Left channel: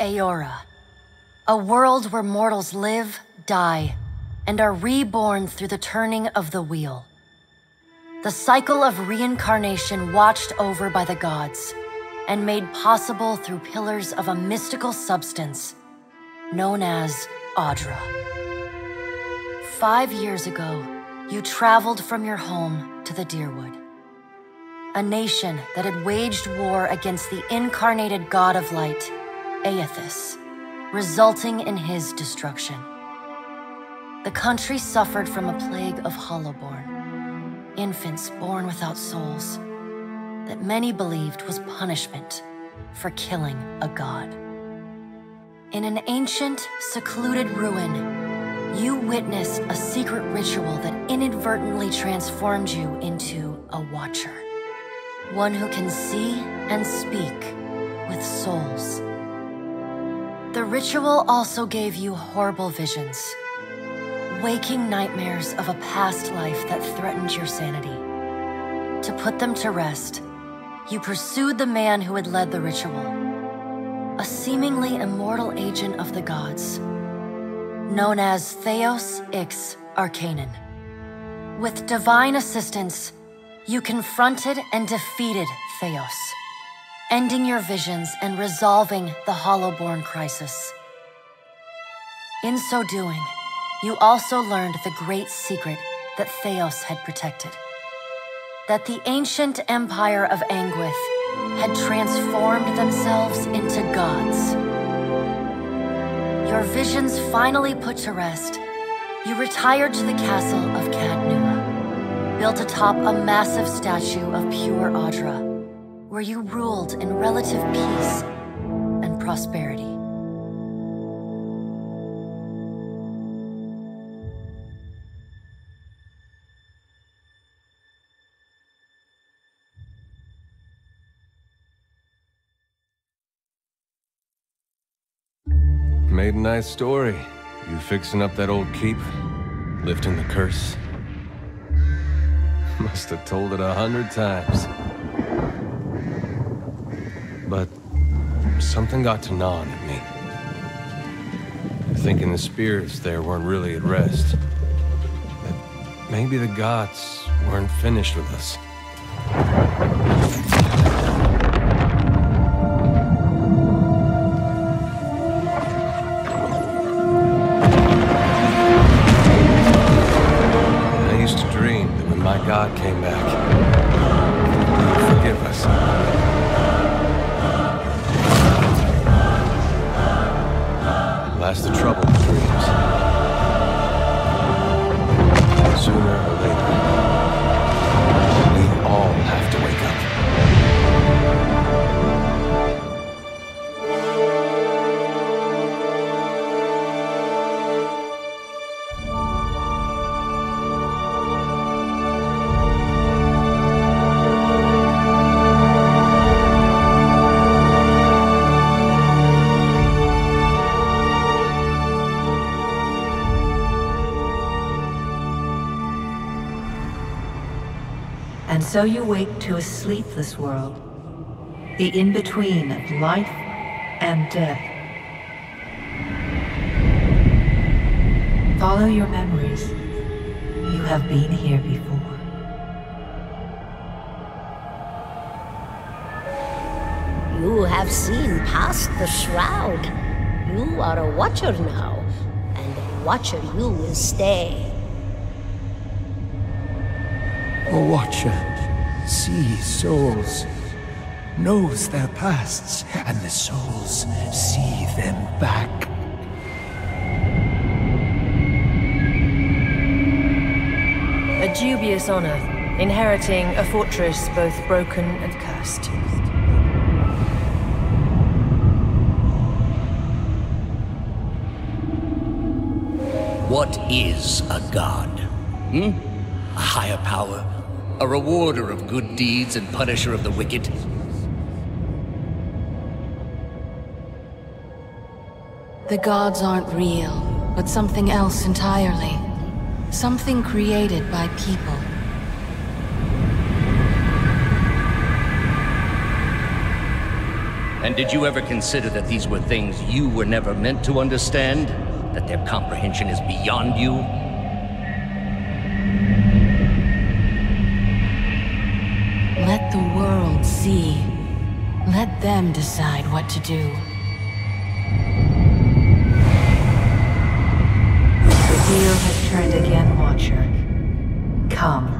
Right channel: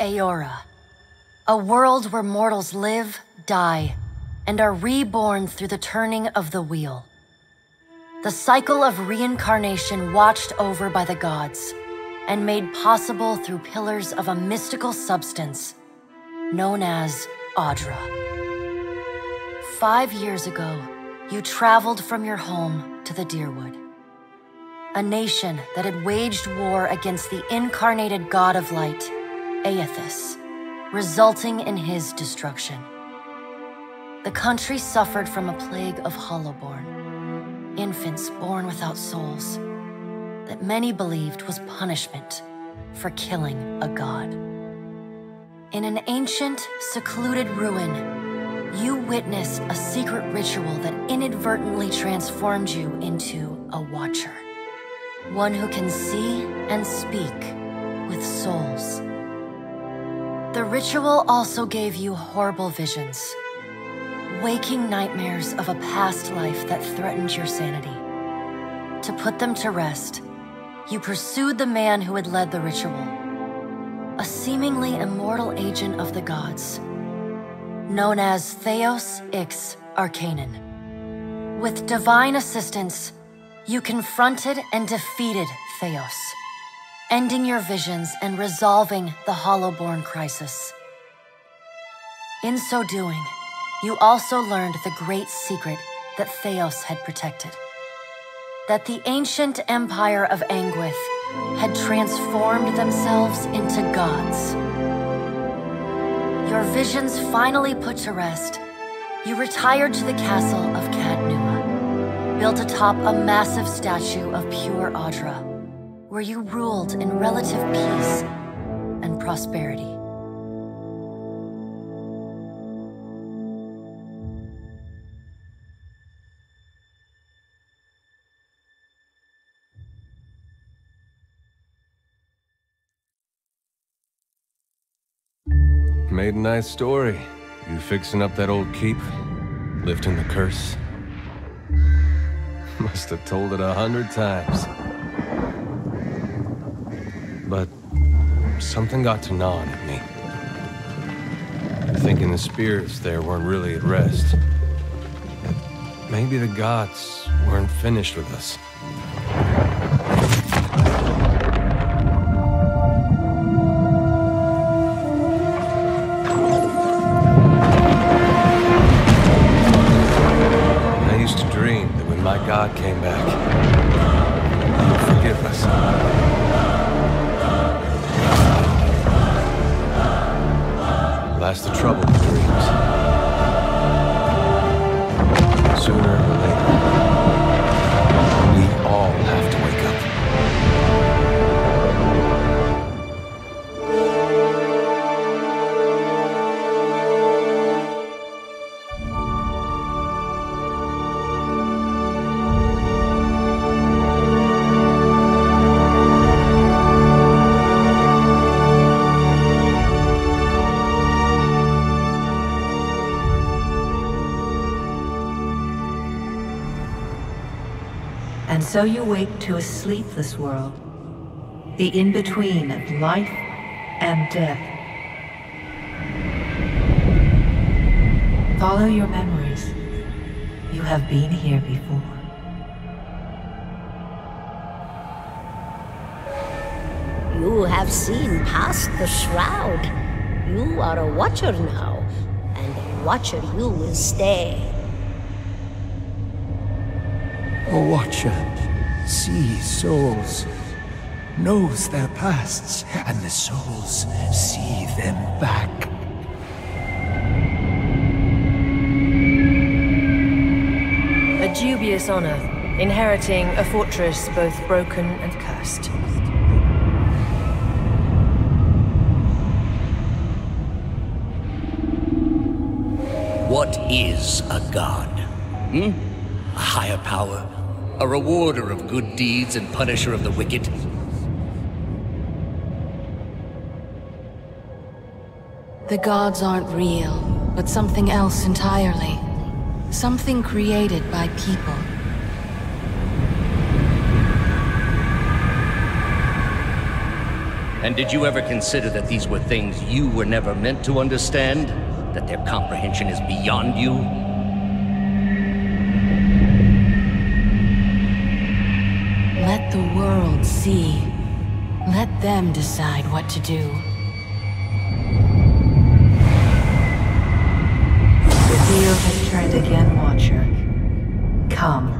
Eora, a world where mortals live, die, and are reborn through the turning of the wheel. The cycle of reincarnation watched over by the gods, and made possible through pillars of a mystical substance known as Audra. 5 years ago, you traveled from your home to the Deerwood, a nation that had waged war against the incarnated god of light, Aethys, resulting in his destruction. The country suffered from a plague of hollowborn, infants born without souls, that many believed was punishment for killing a god. In an ancient, secluded ruin, you witnessed a secret ritual that inadvertently transformed you into a watcher, one who can see and speak with souls. The ritual also gave you horrible visions, waking nightmares of a past life that threatened your sanity. To put them to rest, you pursued the man who had led the ritual, a seemingly immortal agent of the gods, known as Theos Ix Arcanon. With divine assistance, you confronted and defeated Theos, ending your visions and resolving the Hollowborn crisis. In so doing, you also learned the great secret that Theos had protected, that the ancient empire of Anguith had transformed themselves into gods. Your visions finally put to rest, you retired to the castle of Cadnua, built atop a massive statue of pure Audra, where you ruled in relative peace and prosperity. Made a nice story. You fixing up that old keep? Lifting the curse? Must have told it 100 times. But something got to gnawing at me. Thinking the spirits there weren't really at rest. That maybe the gods weren't finished with us. I used to dream that when my god came back, he would forgive us. Last the trouble with dreams. Sooner or later, we all have to wake up. And so you wake to a sleepless world, the in-between of life and death. Follow your memories. You have been here before. You have seen past the shroud. You are a watcher now, and a watcher you will stay. A watcher sees souls, knows their pasts, and the souls see them back. A dubious honor, inheriting a fortress both broken and cursed. What is a god? A higher power? A rewarder of good deeds and punisher of the wicked? The gods aren't real, but something else entirely. Something created by people. And did you ever consider that these were things you were never meant to understand? That their comprehension is beyond you? Let the world see. Let them decide what to do. The wheel has turned again, Watcher. Come.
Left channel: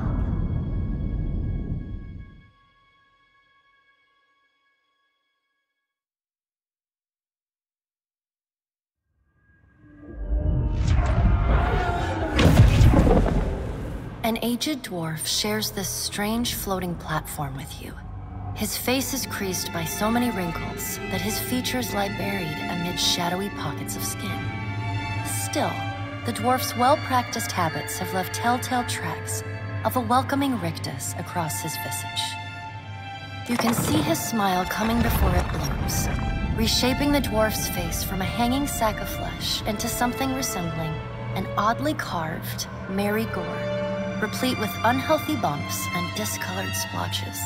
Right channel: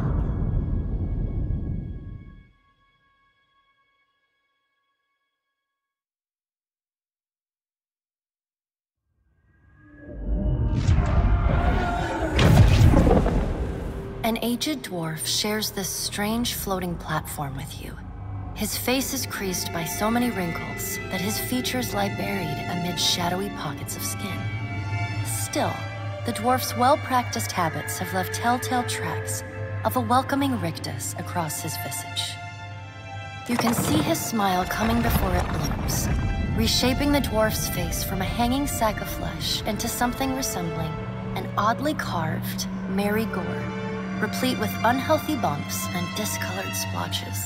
An aged dwarf shares this strange floating platform with you. His face is creased by so many wrinkles that his features lie buried amid shadowy pockets of skin. Still, the dwarf's well-practiced habits have left telltale tracks of a welcoming rictus across his visage. You can see his smile coming before it blooms, reshaping the dwarf's face from a hanging sack of flesh into something resembling an oddly carved, merry gore, replete with unhealthy bumps and discolored splotches.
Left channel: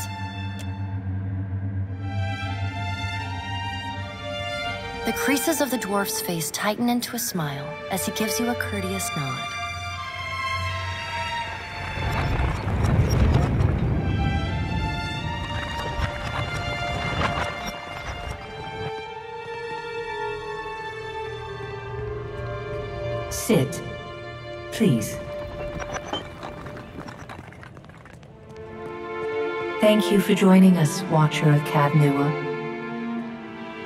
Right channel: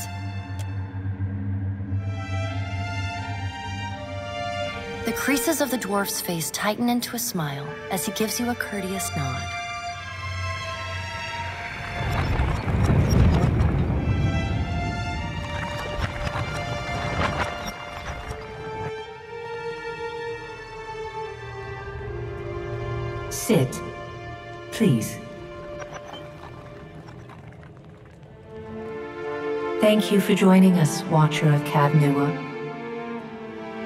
The creases of the dwarf's face tighten into a smile as he gives you a courteous nod. Sit, please. Thank you for joining us, Watcher of Cadnua.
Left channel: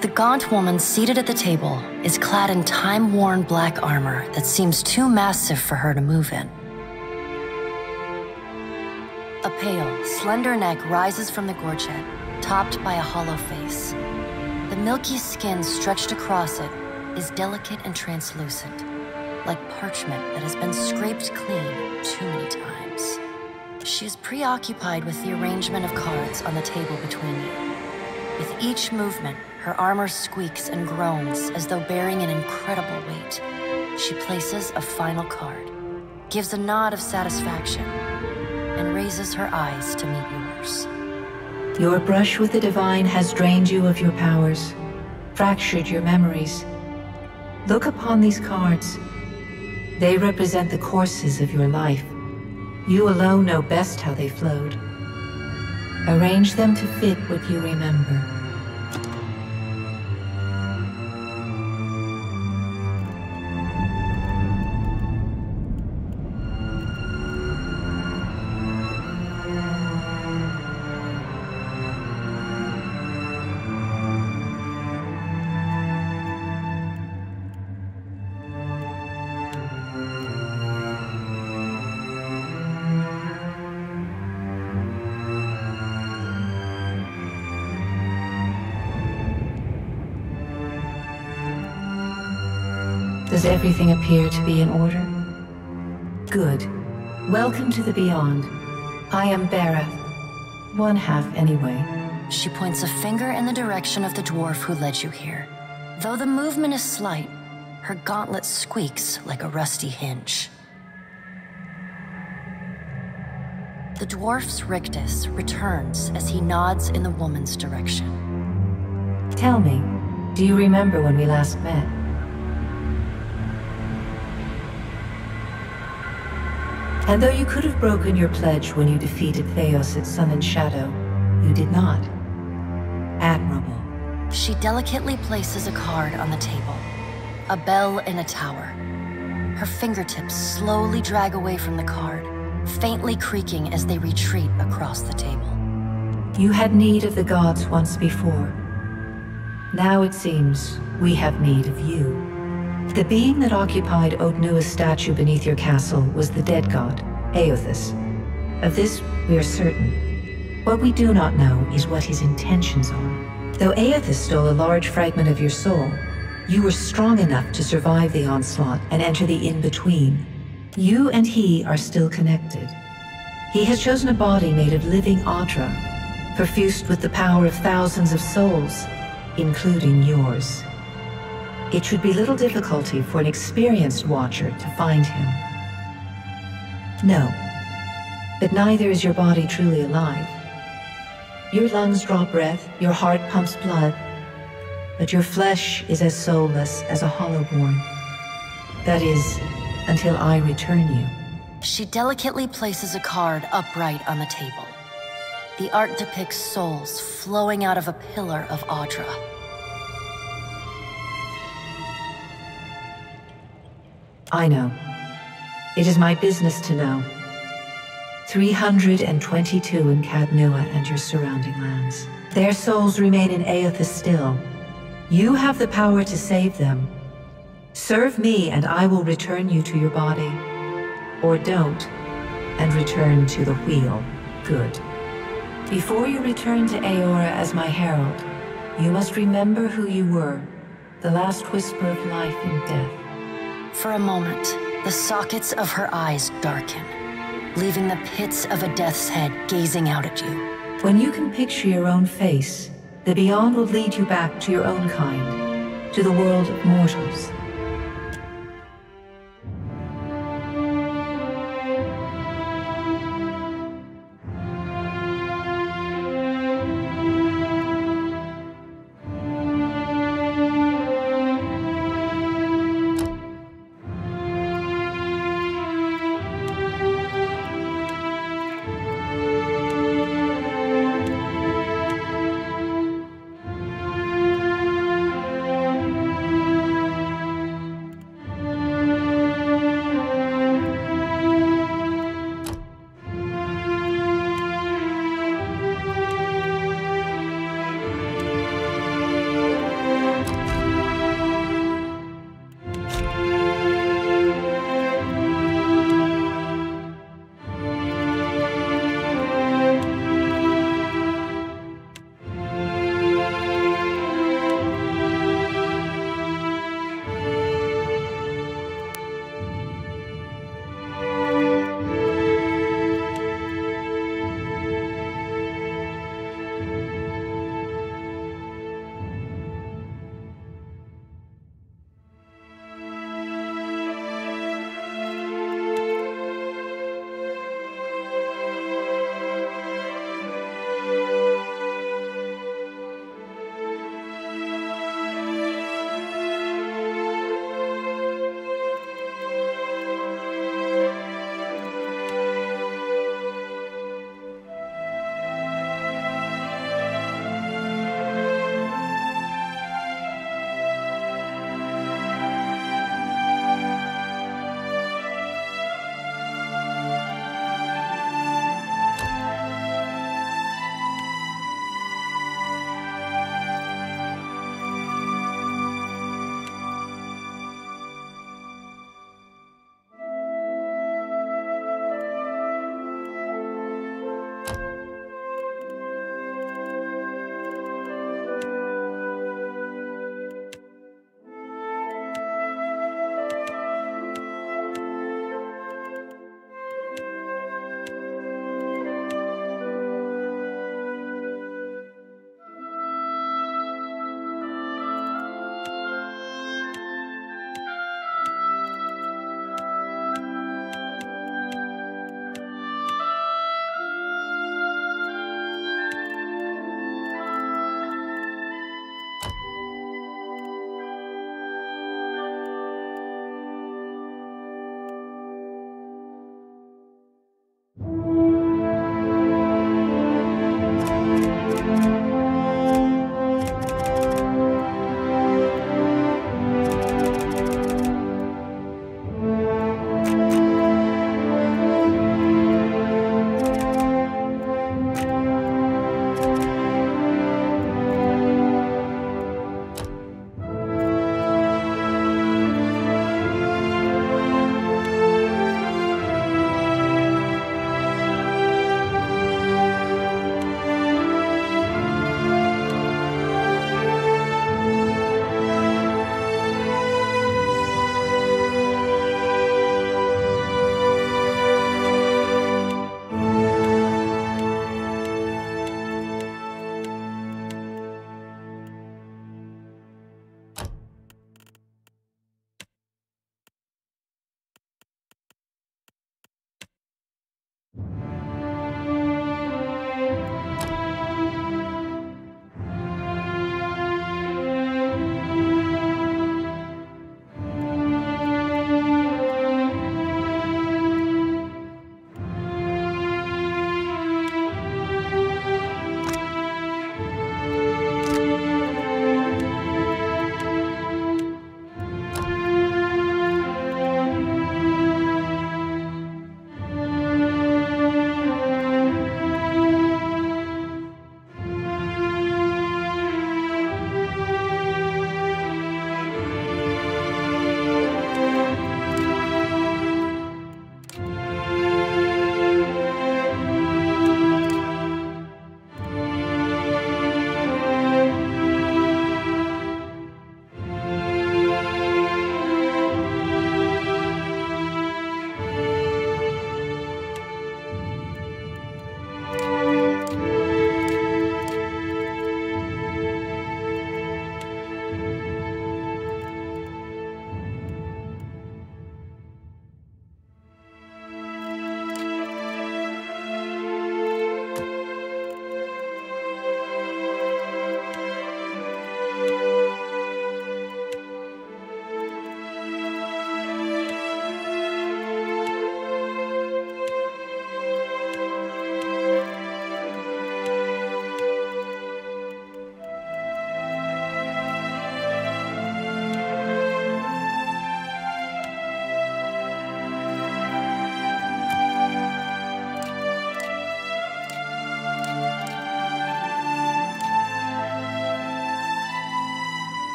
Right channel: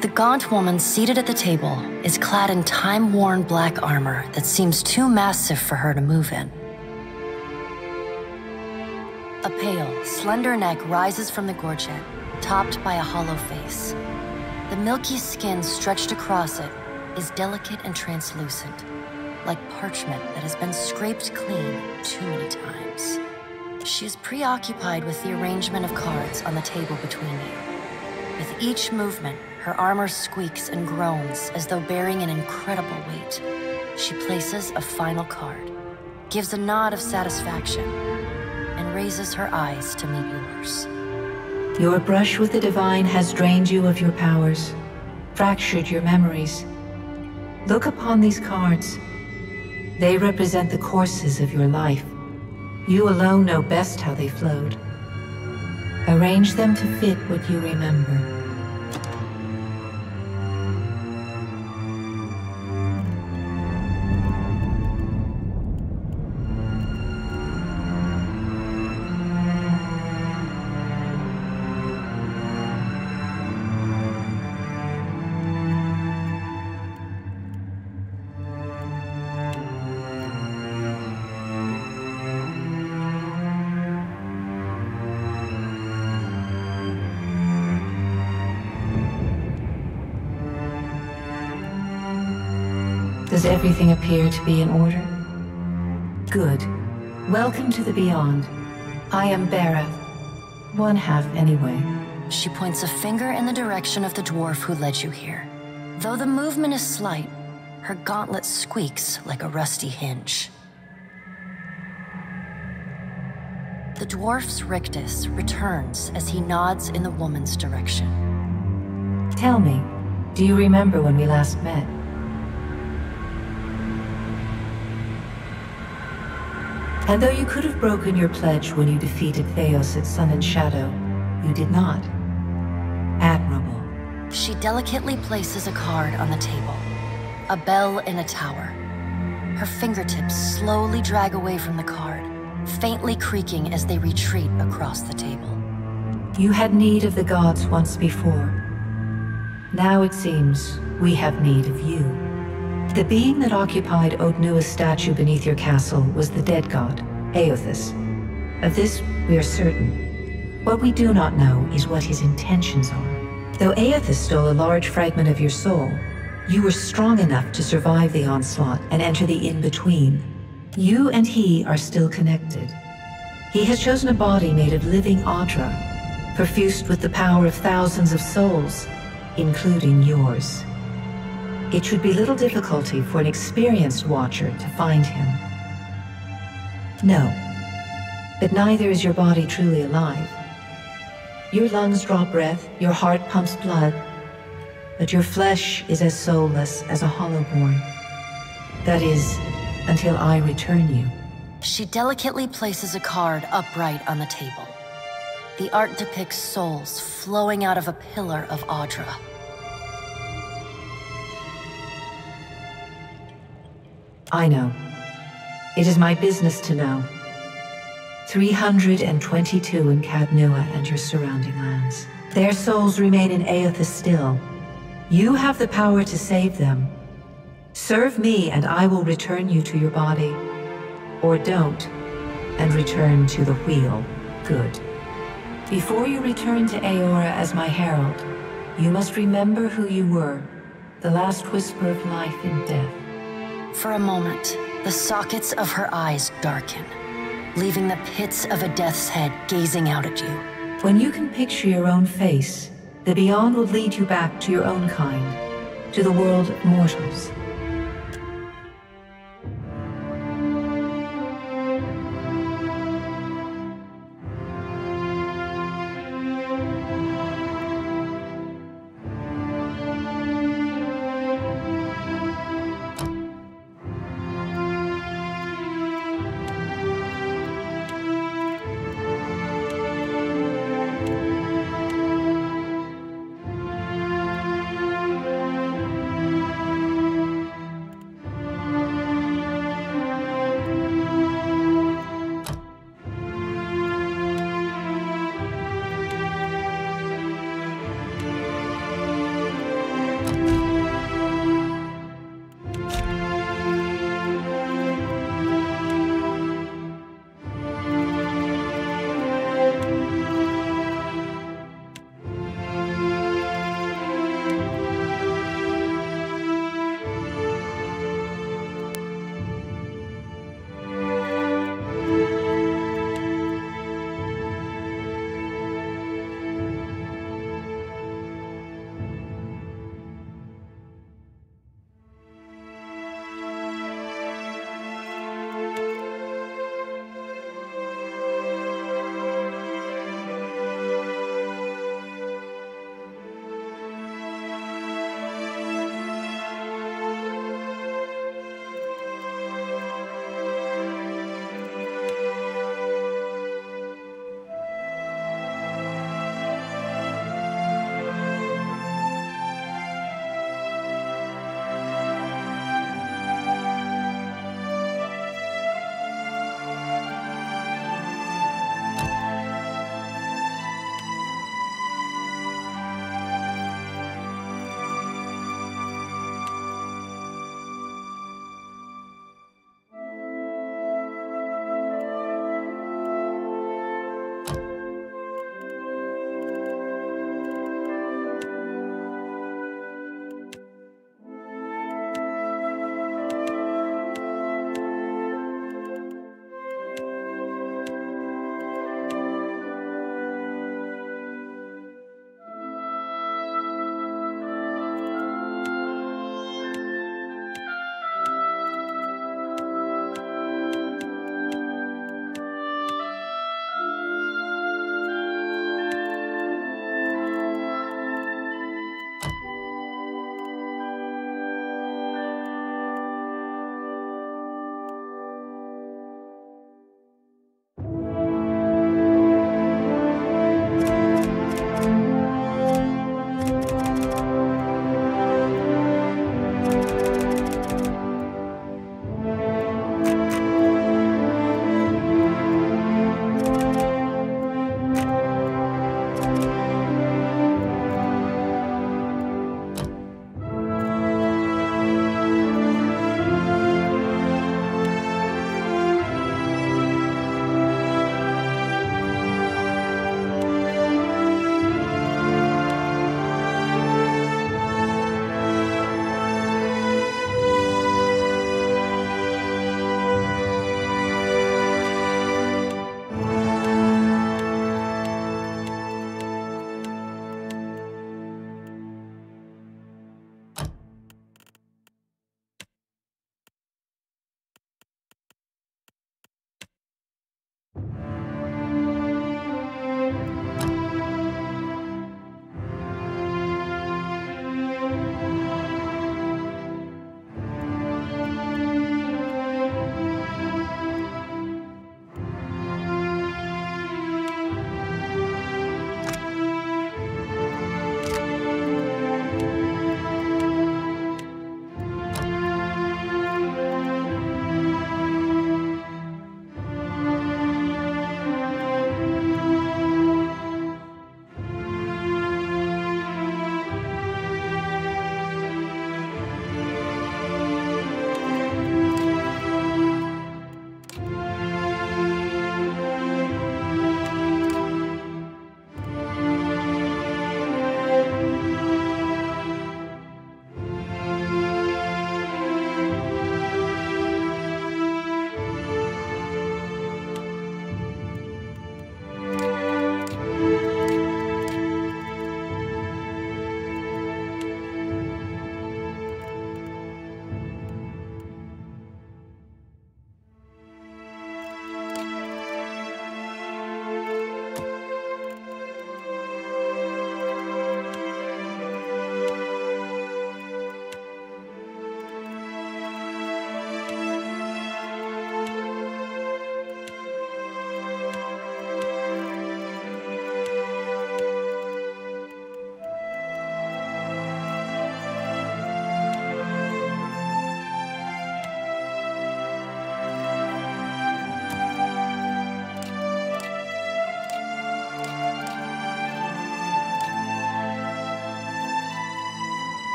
The gaunt woman seated at the table is clad in time-worn black armor that seems too massive for her to move in. A pale, slender neck rises from the gorget, topped by a hollow face. The milky skin stretched across it is delicate and translucent, like parchment that has been scraped clean too many times. She is preoccupied with the arrangement of cards on the table between you. With each movement, her armor squeaks and groans as though bearing an incredible weight. She places a final card, gives a nod of satisfaction, and raises her eyes to meet yours. Your brush with the divine has drained you of your powers, fractured your memories. Look upon these cards. They represent the courses of your life. You alone know best how they flowed. Arrange them to fit what you remember. Does everything appear to be in order? Good. Welcome to the Beyond. I am Berath. One half, anyway. She points a finger in the direction of the dwarf who led you here. Though the movement is slight, her gauntlet squeaks like a rusty hinge. The dwarf's rictus returns as he nods in the woman's direction. Tell me, do you remember when we last met? And though you could have broken your pledge when you defeated Theos at Sun and Shadow, you did not. Admirable. She delicately places a card on the table. A bell in a tower. Her fingertips slowly drag away from the card, faintly creaking as they retreat across the table. You had need of the gods once before. Now it seems we have need of you. The being that occupied Odnua's statue beneath your castle was the dead god, Eothas. Of this, we are certain. What we do not know is what his intentions are. Though Aethys stole a large fragment of your soul, you were strong enough to survive the onslaught and enter the in-between. You and he are still connected. He has chosen a body made of living Audra, perfused with the power of thousands of souls, including yours. It should be little difficulty for an experienced watcher to find him. No, but neither is your body truly alive. Your lungs draw breath, your heart pumps blood, but your flesh is as soulless as a hollowborn. That is, until I return you. She delicately places a card upright on the table. The art depicts souls flowing out of a pillar of Audra. I know. It is my business to know. 322 in Cadnua and your surrounding lands. Their souls remain in Aethys still. You have the power to save them. Serve me and I will return you to your body. Or don't, and return to the wheel. Good. Before you return to Eora as my herald, you must remember who you were, the last whisper of life and death. For a moment, the sockets of her eyes darken, leaving the pits of a death's head gazing out at you. When you can picture your own face, the Beyond will lead you back to your own kind, to the world of mortals.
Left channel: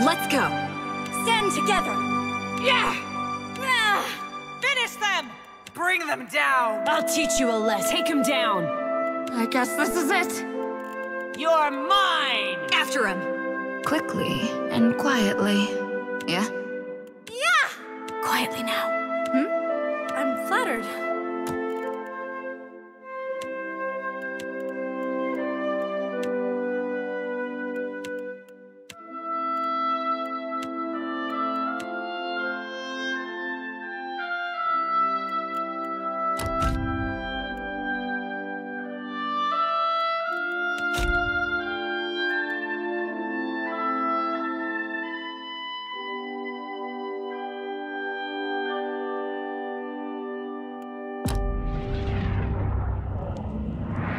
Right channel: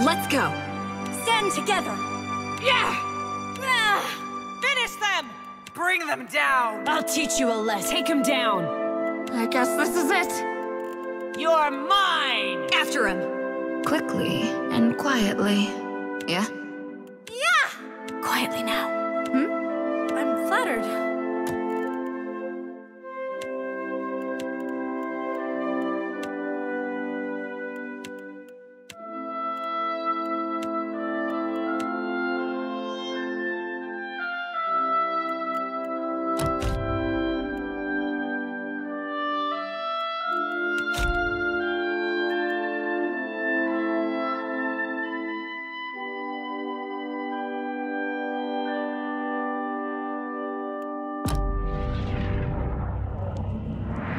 Let's go. Stand together! Yeah! Finish them! Bring them down! I'll teach you a lesson. Take him down. I guess this is it. You're mine! After him. Quickly and quietly. Yeah? Yeah! Quietly now. I'm flattered.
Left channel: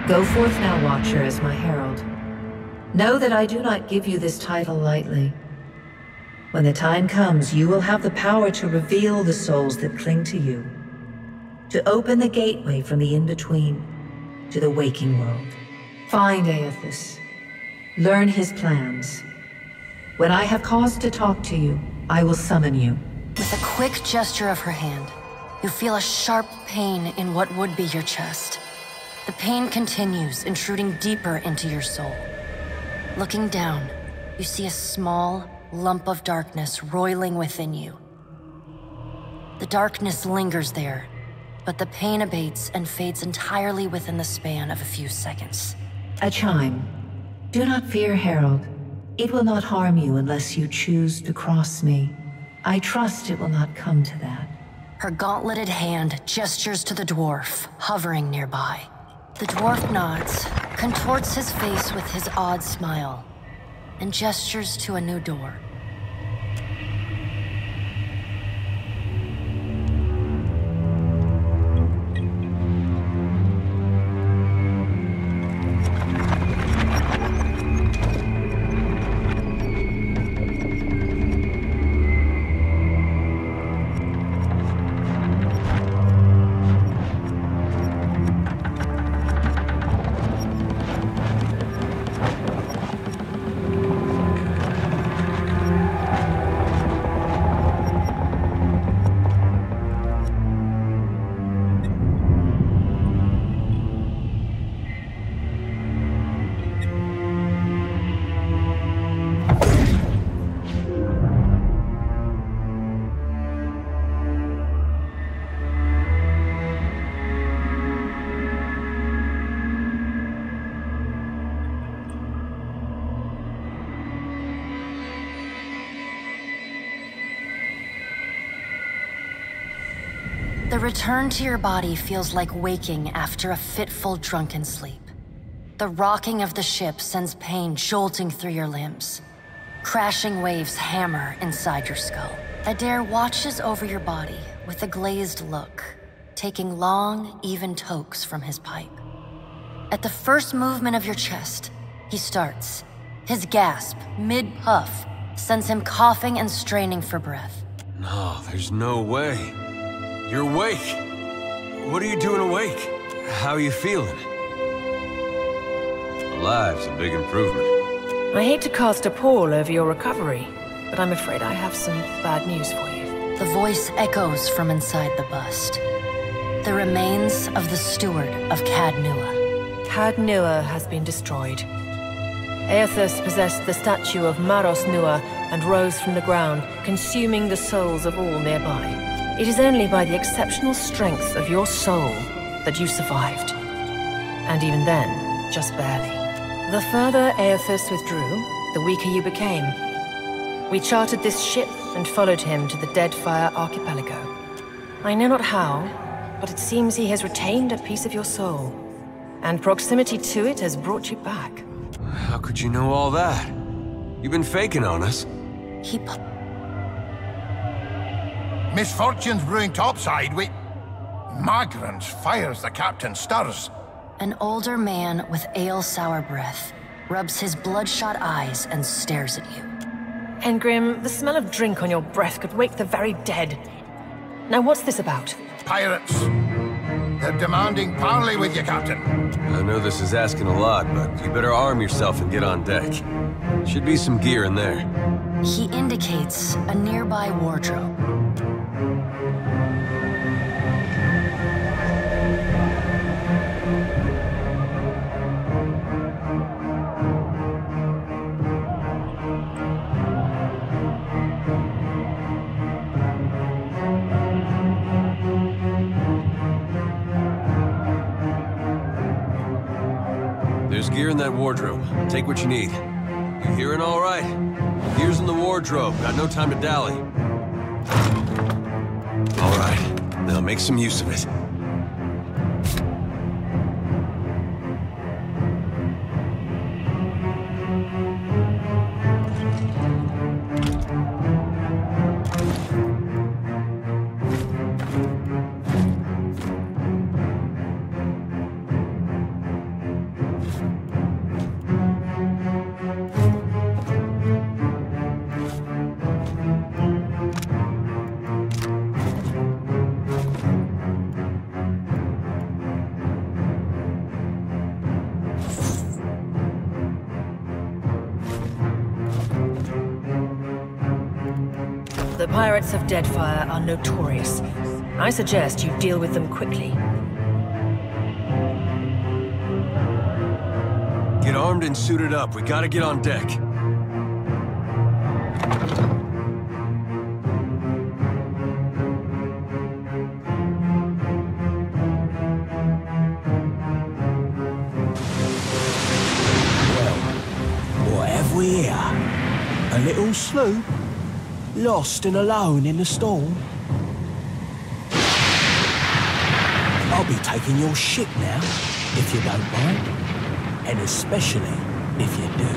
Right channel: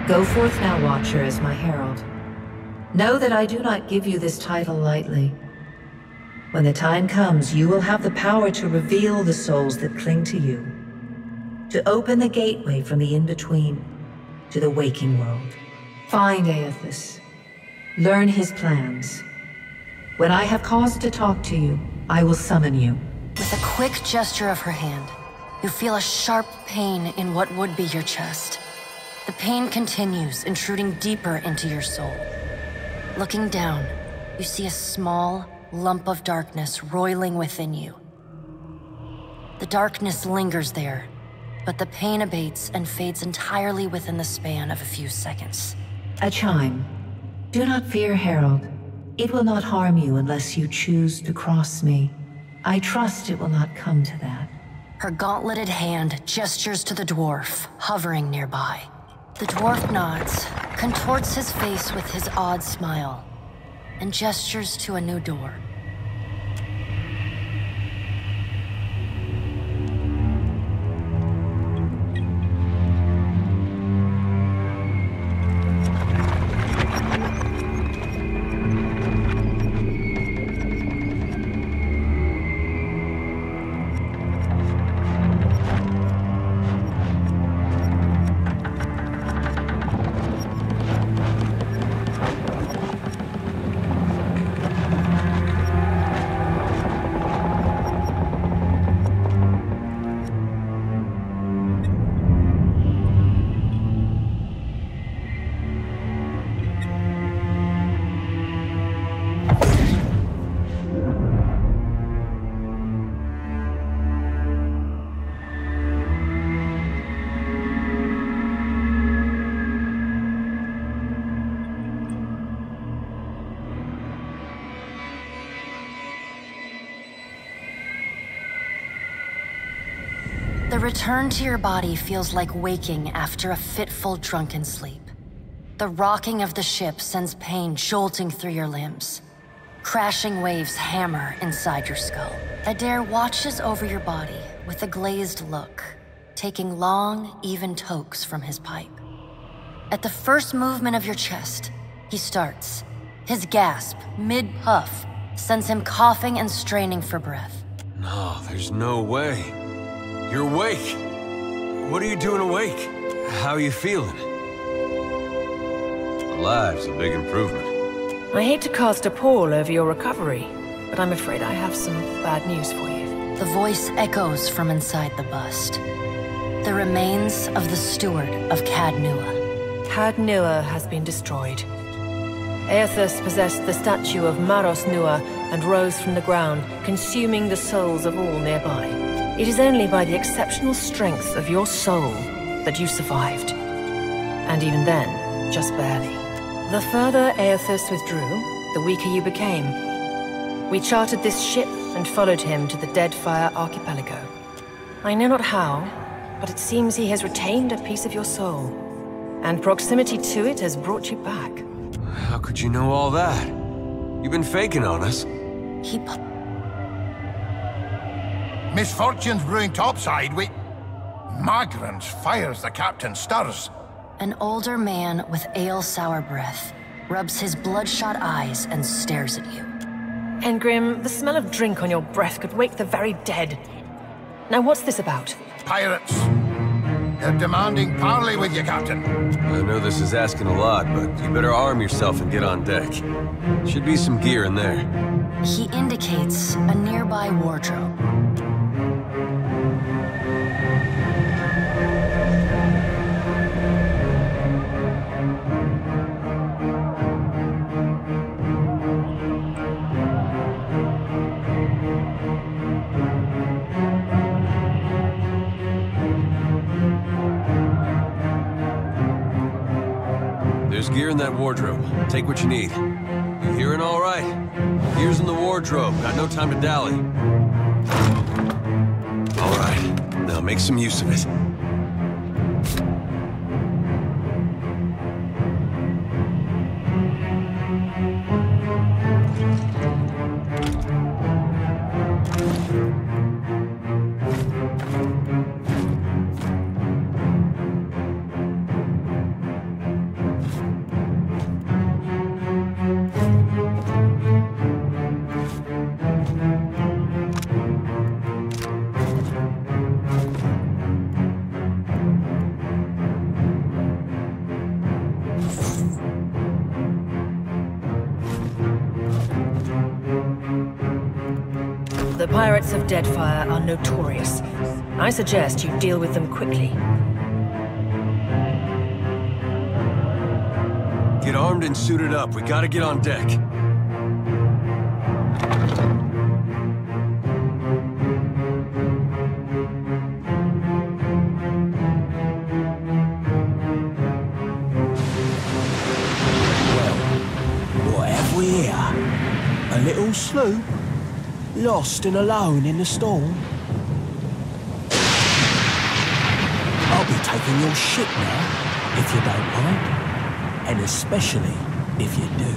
Go forth now, Watcher, as my herald. Know that I do not give you this title lightly. When the time comes, you will have the power to reveal the souls that cling to you, to open the gateway from the in-between to the waking world. Find Aethys. Learn his plans. When I have cause to talk to you, I will summon you. With a quick gesture of her hand, you feel a sharp pain in what would be your chest. The pain continues, intruding deeper into your soul. Looking down, you see a small lump of darkness roiling within you. The darkness lingers there, but the pain abates and fades entirely within the span of a few seconds. A chime. Do not fear, Herald. It will not harm you unless you choose to cross me. I trust it will not come to that. Her gauntleted hand gestures to the dwarf, hovering nearby. The dwarf nods, contorts his face with his odd smile, and gestures to a new door. The return to your body feels like waking after a fitful drunken sleep. The rocking of the ship sends pain jolting through your limbs. Crashing waves hammer inside your skull. Adair watches over your body with a glazed look, taking long, even tokes from his pipe. At the first movement of your chest, he starts. His gasp, mid-puff, sends him coughing and straining for breath. No, there's no way. You're awake. What are you doing awake? How are you feeling? Alive's a big improvement. I hate to cast a pall over your recovery, but I'm afraid I have some bad news for you. The voice echoes from inside the bust. The remains of the steward of Cad Nua. Cad Nua has been destroyed. Aethys possessed the statue of Maros Nua and rose from the ground, consuming the souls of all nearby. It is only by the exceptional strength of your soul that you survived. And even then, just barely. The further Aethys withdrew, the weaker you became. We chartered this ship and followed him to the Deadfire archipelago. I know not how, but it seems he has retained a piece of your soul. And proximity to it has brought you back. How could you know all that? You've been faking on us. Misfortune's brewing topside, Magrans fires the captain stirs. An older man with ale-sour breath rubs his bloodshot eyes and stares at you. Engrim, the smell of drink on your breath could wake the very dead. Now what's this about? Pirates. They're demanding parley with you, Captain. I know this is asking a lot, but you better arm yourself and get on deck. Should be some gear in there. He indicates a nearby wardrobe. There's gear in that wardrobe. Take what you need. You hearing all right? Gear's in the wardrobe. Got no time to dally. All right. Now make some use of it. The pirates of Deadfire are notorious. I suggest you deal with them quickly. Get armed and suited up. We gotta get on deck. Well, what have we here? A little sloop? Lost and alone in the storm? I'll be taking your ship now, if you don't mind. And especially if you do.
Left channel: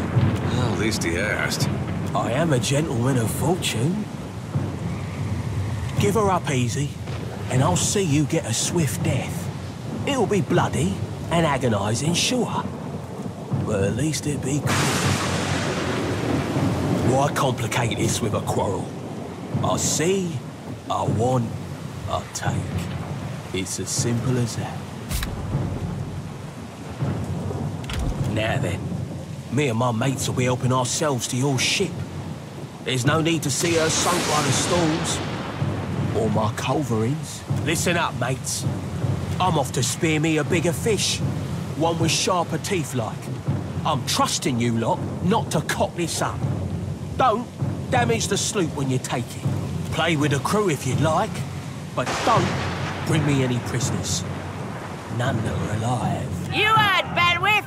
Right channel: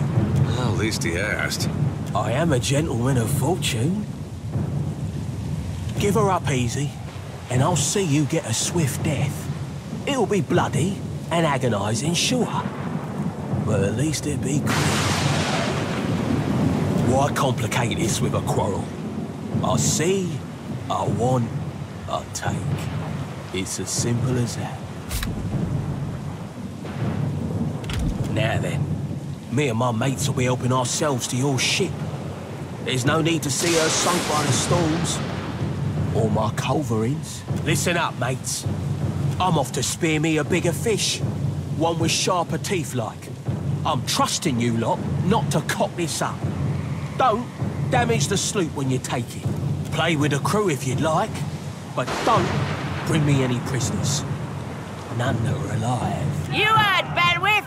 Well, at least he asked. I am a gentleman of fortune. Give her up easy, and I'll see you get a swift death. It'll be bloody and agonizing, sure. But at least it'll be quick. Why complicate this with a quarrel? I see, I want, I take. It's as simple as that. Now then, me and my mates will be helping ourselves to your ship. There's no need to see her sunk by the storms. Or my culverins. Listen up, mates. I'm off to spear me a bigger fish. One with sharper teeth like. I'm trusting you lot not to cock this up. Don't damage the sloop when you take it. Play with the crew if you'd like, but don't bring me any prisoners. None that are alive. You heard, Bedwith!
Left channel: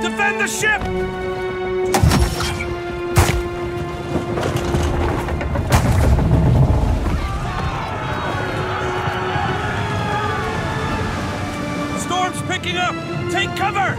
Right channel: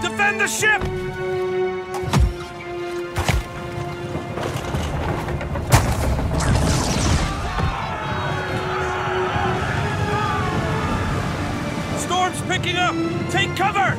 Defend the ship! Storm's picking up! Take cover!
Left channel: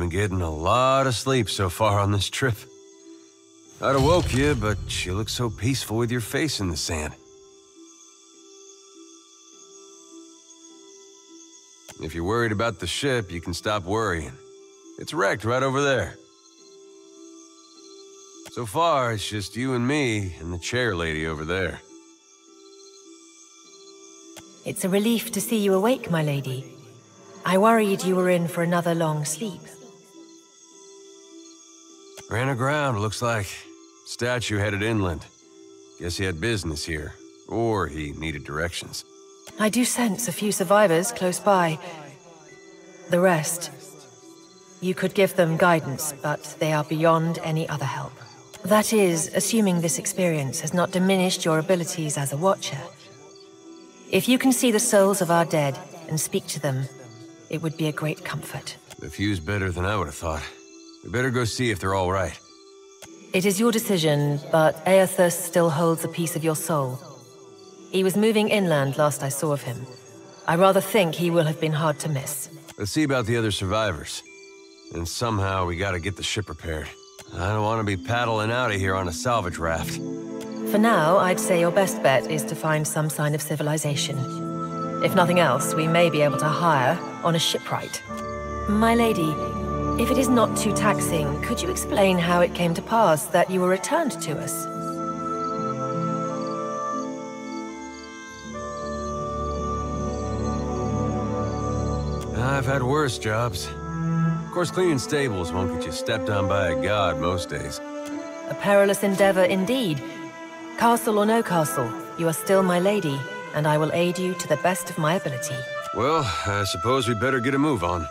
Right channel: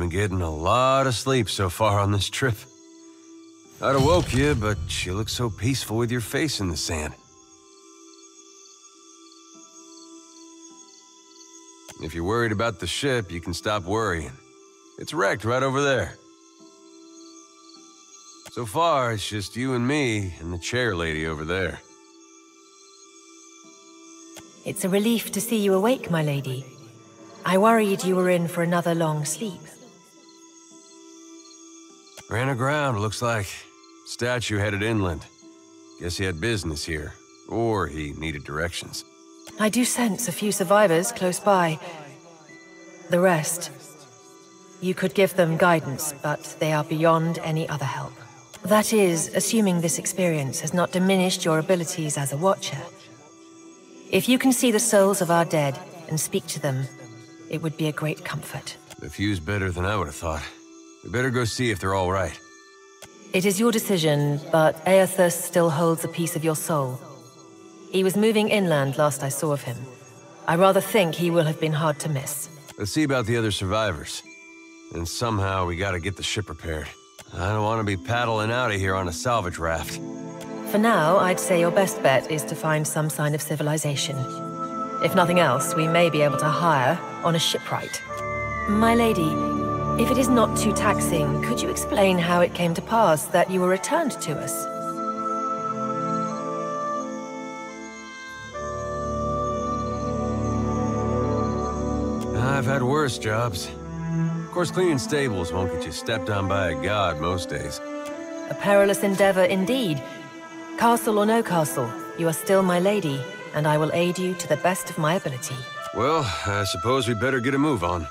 been getting a lot of sleep so far on this trip. I'd have woke you, but you look so peaceful with your face in the sand. If you're worried about the ship, you can stop worrying. It's wrecked right over there. So far, it's just you and me and the chair lady over there. It's a relief to see you awake, my lady. I worried you were in for another long sleep. Ran aground, looks like. Statue headed inland. Guess he had business here. Or he needed directions. I do sense a few survivors close by. The rest... You could give them guidance, but they are beyond any other help. That is, assuming this experience has not diminished your abilities as a watcher. If you can see the souls of our dead and speak to them, it would be a great comfort. The view's better than I would have thought. We better go see if they're all right. It is your decision, but Eothas still holds a piece of your soul. He was moving inland last I saw of him. I rather think he will have been hard to miss. Let's see about the other survivors. And somehow we gotta get the ship repaired. I don't want to be paddling out of here on a salvage raft. For now, I'd say your best bet is to find some sign of civilization. If nothing else, we may be able to hire on a shipwright. My lady, if it is not too taxing, could you explain how it came to pass that you were returned to us? I've had worse jobs. Of course, cleaning stables won't get you stepped on by a god most days. A perilous endeavor indeed. Castle or no castle, you are still my lady, and I will aid you to the best of my ability. Well, I suppose we better get a move on.